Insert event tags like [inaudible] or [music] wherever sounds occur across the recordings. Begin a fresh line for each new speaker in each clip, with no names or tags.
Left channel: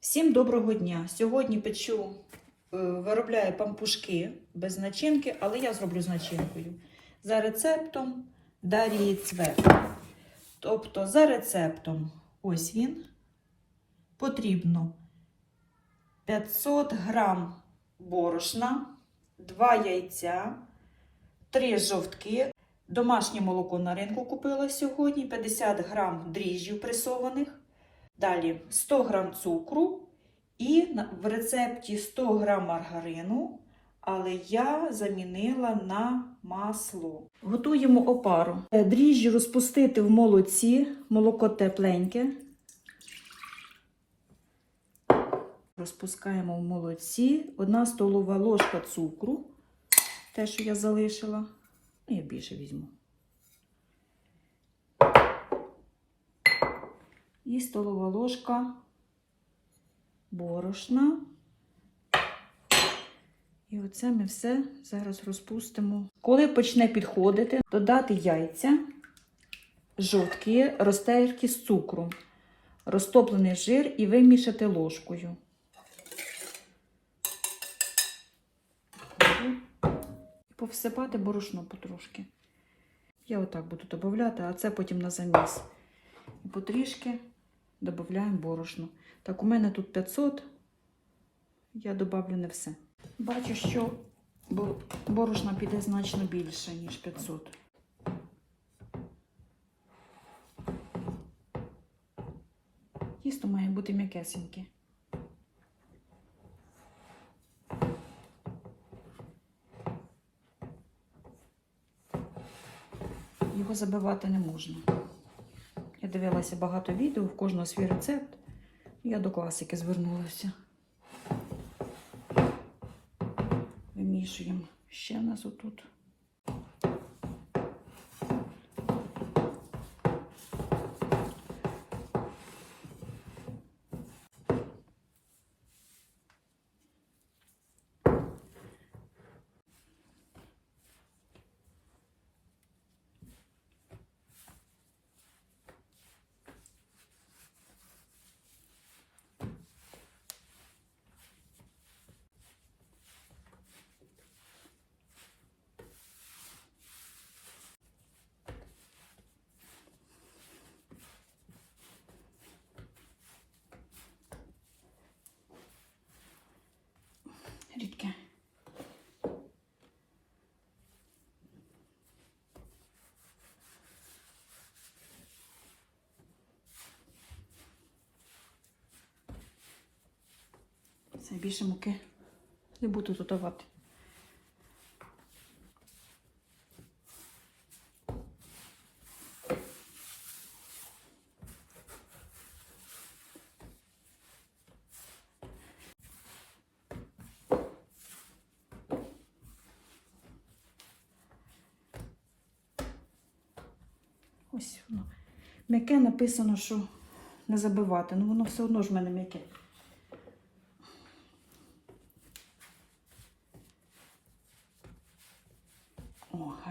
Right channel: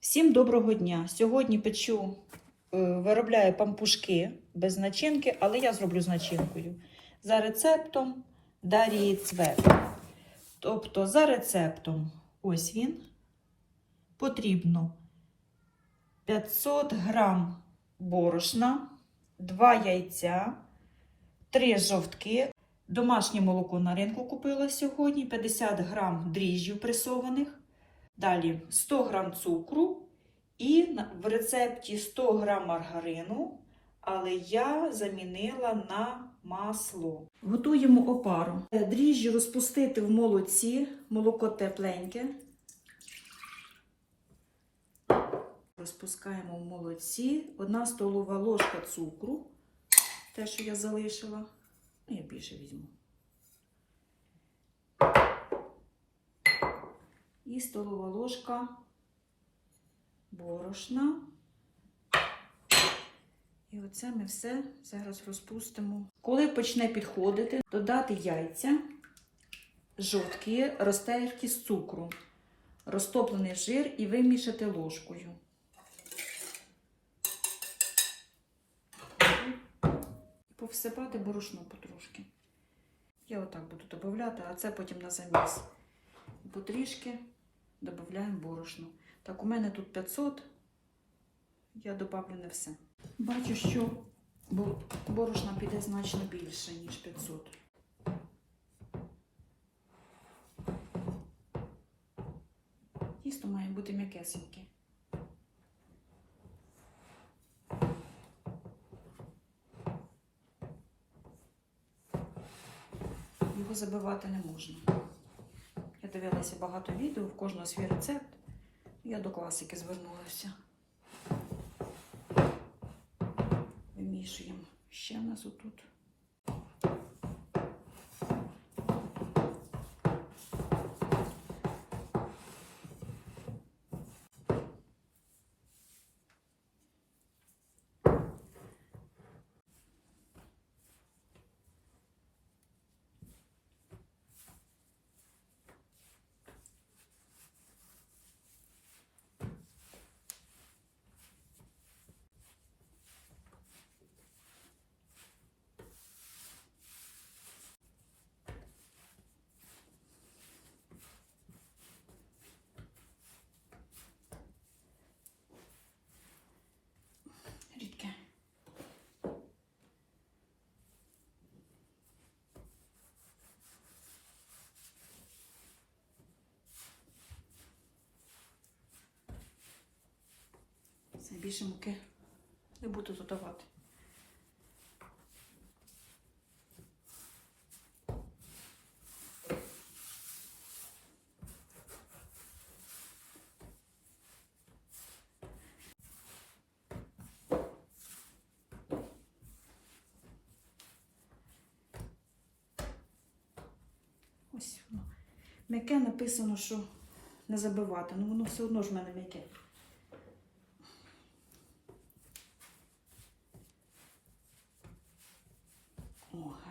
Всім доброго дня! Сьогодні печу, е, виробляю пампушки без начинки, але я зроблю з начинкою. За рецептом Дарії Цвет. Тобто, за рецептом, ось він, потрібно 500 грам борошна, 2 яйця, 3 жовтки. Домашнє молоко на ринку купила сьогодні, 50 грам дріжджів пресованих. Далі 100 грам цукру і в рецепті 100 грам маргарину, але я замінила на масло. Готуємо опару. Е, Дріжджі розпустити в молоці, молоко тепленьке. Розпускаємо в молоці. Одна столова ложка цукру, те, що я залишила. Ну, Я більше візьму. І столова ложка борошна. І оце ми все зараз розпустимо. Коли почне підходити, додати яйця, жовтки, розтерті з цукру, розтоплений жир і вимішати ложкою. Повсипати борошно потрошки. Я отак буду додати, а це потім на заміс. Потрішки додаємо борошно. Так, у мене тут 500, я додавлю не все. Бачу, що борошна піде значно більше, ніж 500. Тісто має бути м'якесеньке. Його забивати не можна. Дивилася багато відео, в кожного свій рецепт. Я до класики звернулася. Вимішуємо. Ще в нас отут. Все, більше муки не буду додавати. Ось воно. М'яке написано, що не забивати, ну воно все одно ж в мене м'яке.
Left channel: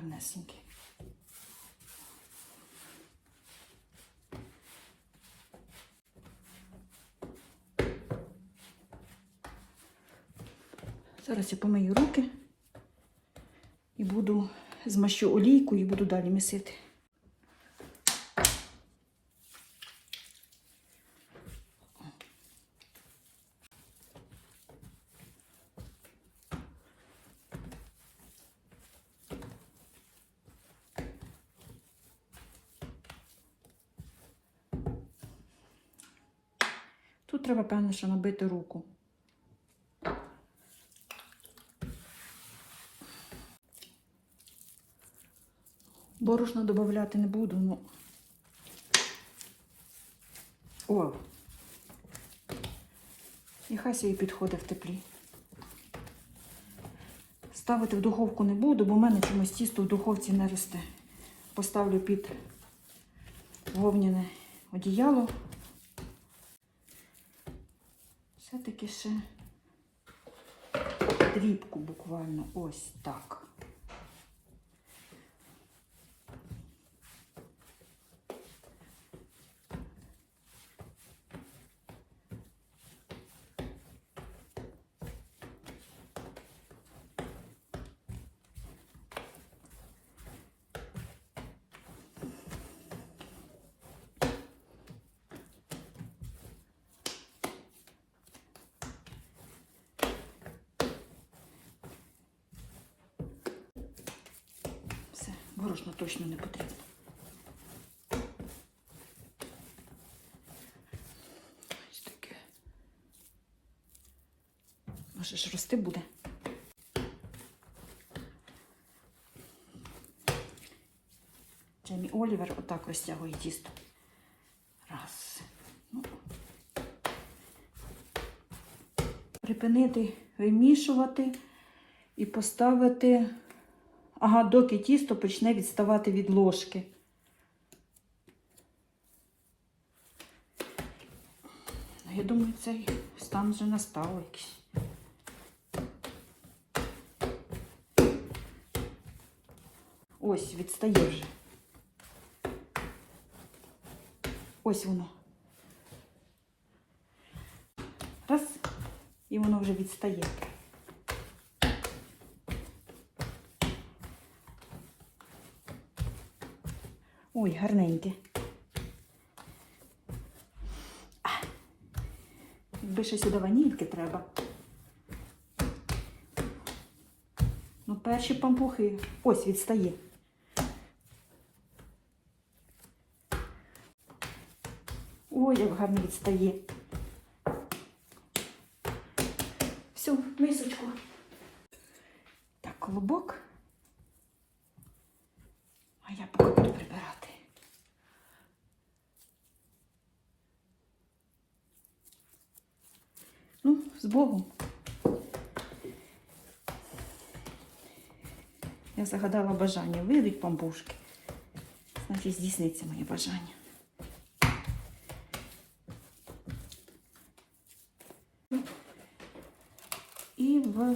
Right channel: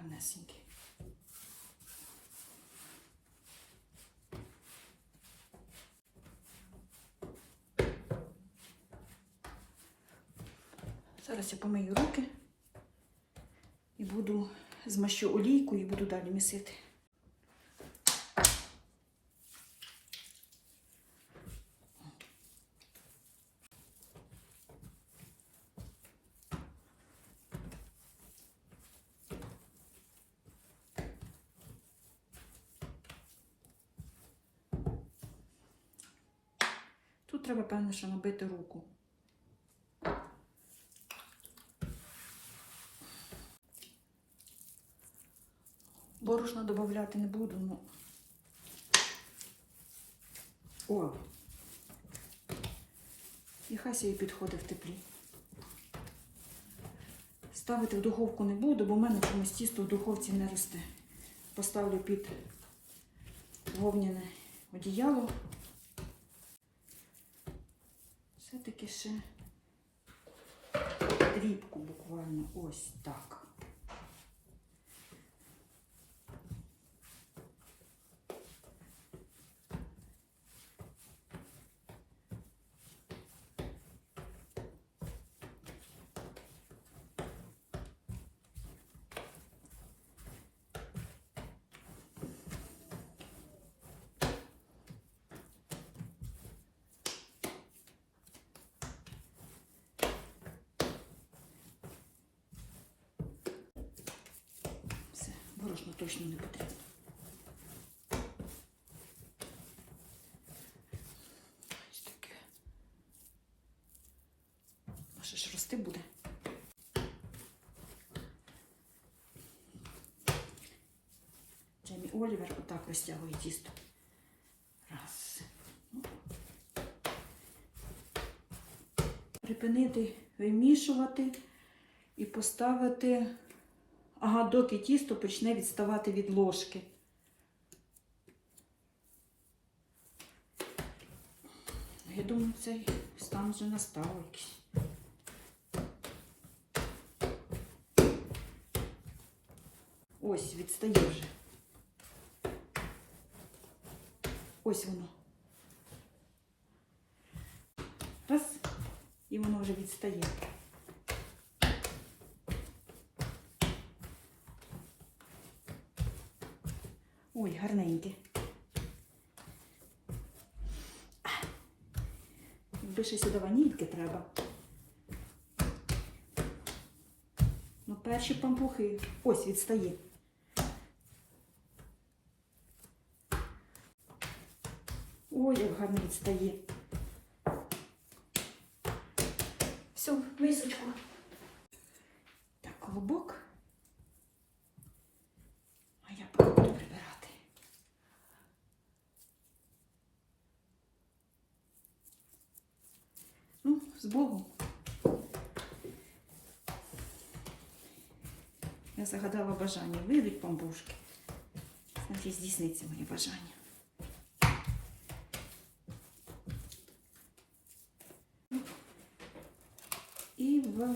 О, гарнесенький. Зараз я помию руки і буду змащу олійку і буду далі місити. Тут треба, певно, що набити руку. Борошно додати не буду, ну. О! І хай собі підходить в теплі. Ставити в духовку не буду, бо в мене чомусь тісто в духовці не росте. Поставлю під вовняне одіяло. Все-таки ще дрібку буквально ось так. Борошна точно не потрібно. Ось таке. Може ж рости буде. Джеймі Олівер отак розтягує тісто. Раз. Ну. Припинити вимішувати і поставити, ага, доки тісто почне відставати від ложки. Я думаю, цей стан вже настав якийсь. Ось, відстає вже. Ось воно. Раз, і воно вже відстає. Ой, Якби ще сюди ванільки треба. Ну, перші пампухи. Ось відстає. Ой, як гарно відстає. Все, мисочку. Так, колобок. А я поки Ну, з Богом. Я загадала бажання. Вийдуть пампушки. Значить, здійсниться моє бажання. І в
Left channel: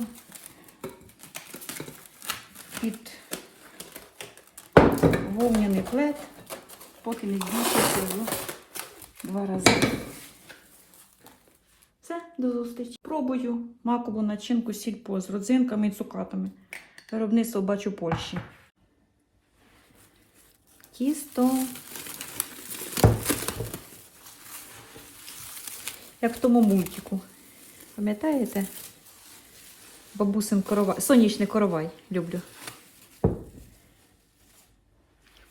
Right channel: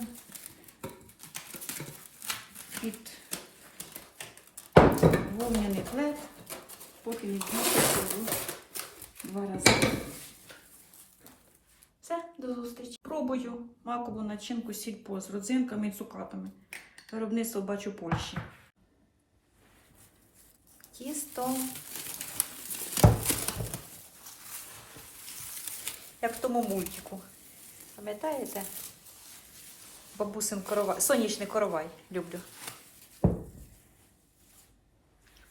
під вовняний плед, поки не збільшиться в два рази. Все, до зустрічі. Пробую макову начинку сільпо з родзинками і цукатами. Виробництво бачу Польщі. Тісто. Як в тому мультику. Пам'ятаєте? Бабусин коровай. Сонячний коровай люблю.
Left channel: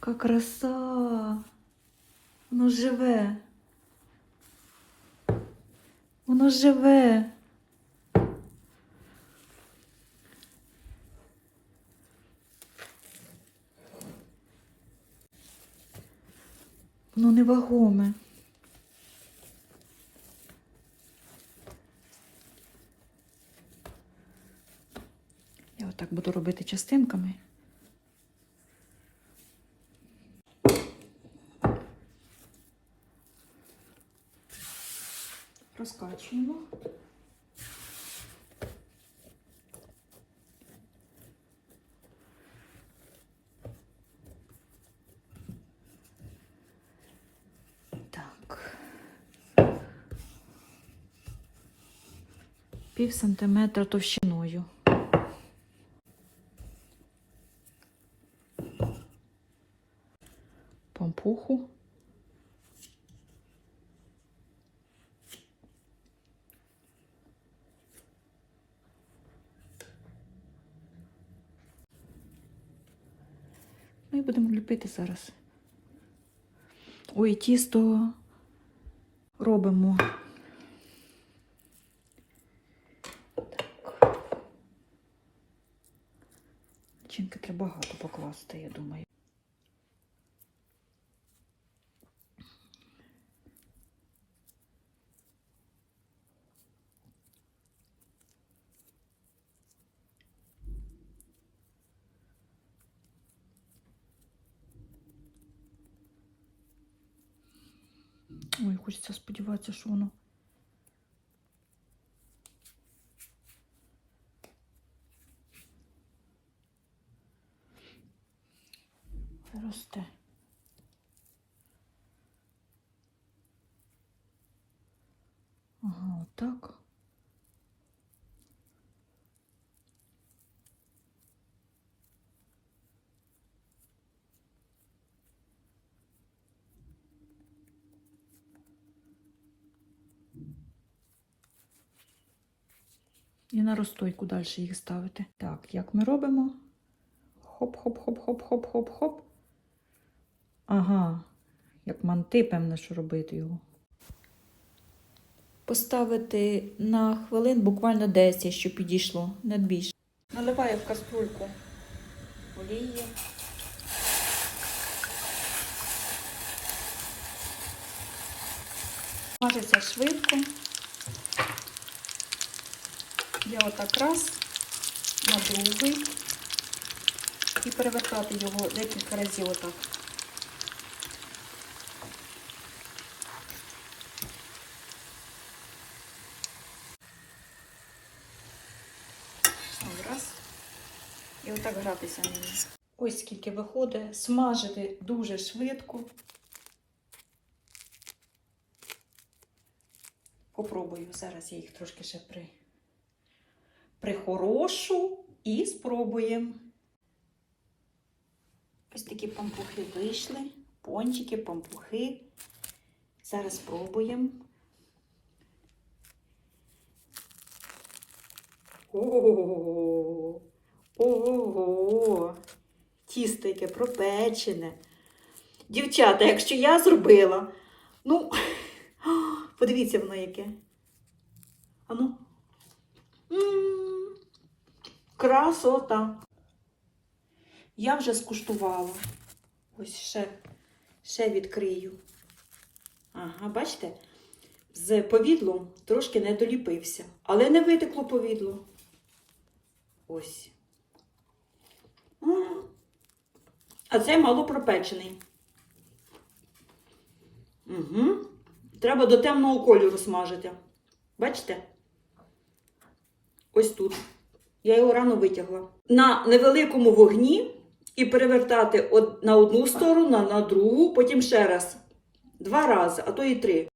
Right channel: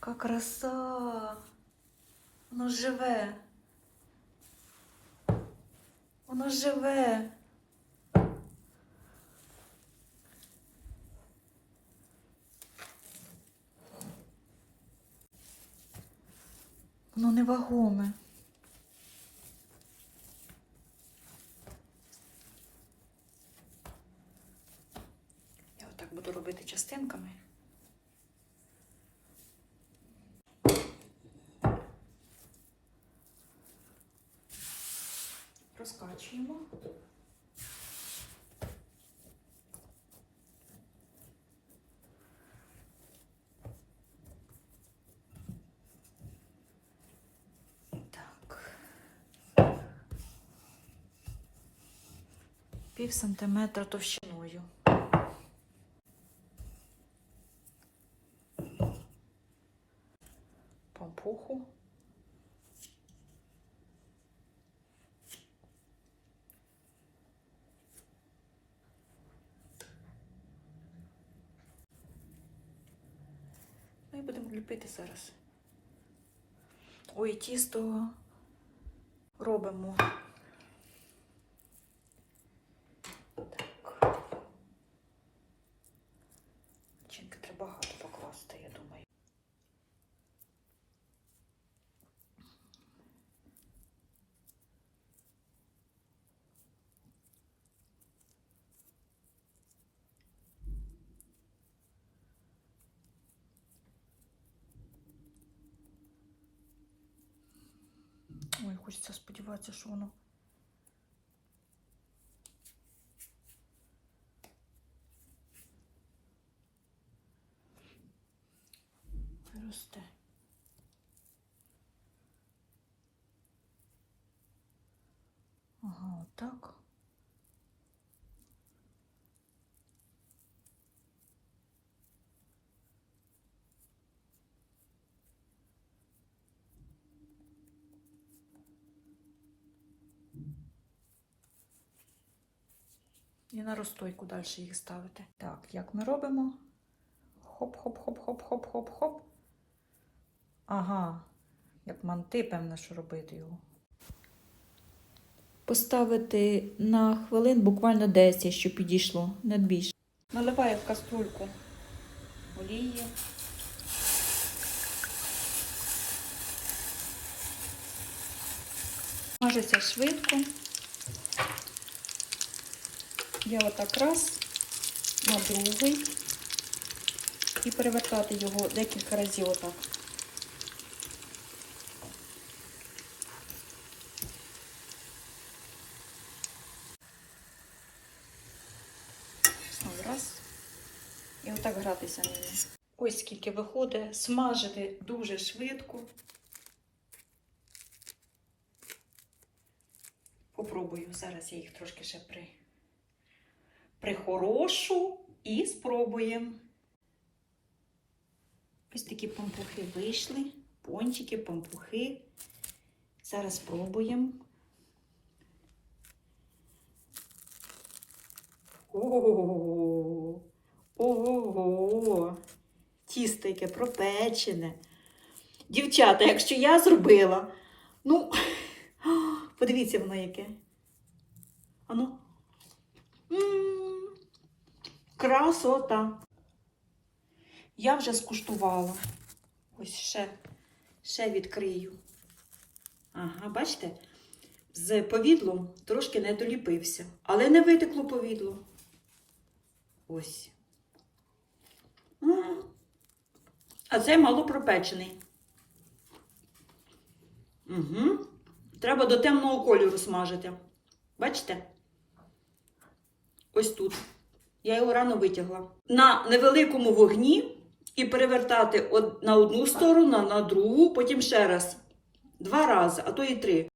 Яка краса. Воно живе. Воно живе. Воно невагоме. Я отак буду робити частинками. Розкачуємо. Так. Пів сантиметра товщиною. І будемо ліпити зараз. Ой, тісто робимо. Чинки треба багато покласти, я думаю. Ой, хочеться сподіватися, що воно. Росте. Ага, так. І на розстойку далі їх ставити. Так, як ми робимо? Хоп-хоп-хоп-хоп-хоп-хоп-хоп. Ага, як манти, певне, що робити його. Поставити на хвилин буквально 10, щоб підійшло, не більше. Наливаю в каструльку олії. Смажиться швидко. Я отак раз на другий і перевертати його декілька разів отак. Раз. І отак гратися ними. Ось скільки виходить. Смажити дуже швидко. Попробую. Зараз я їх трошки ще при... прихорошу і спробуємо. Ось такі пампухи вийшли. Пончики, пампухи. Зараз спробуємо. Ого! Ого! Тісто яке пропечене. Дівчата, якщо я зробила, ну, [gasps] подивіться воно яке. Ану. М, Красота. Я вже скуштувала. Ось ще, ще відкрию. Ага, бачите? З повідлом трошки не доліпився, але не витекло повідло. Ось. А це мало пропечений. Угу. Треба до темного кольору смажити. Бачите? Ось тут. Я його рано витягла. На невеликому вогні і перевертати на одну сторону, на другу, потім ще раз. Два рази, а то і три.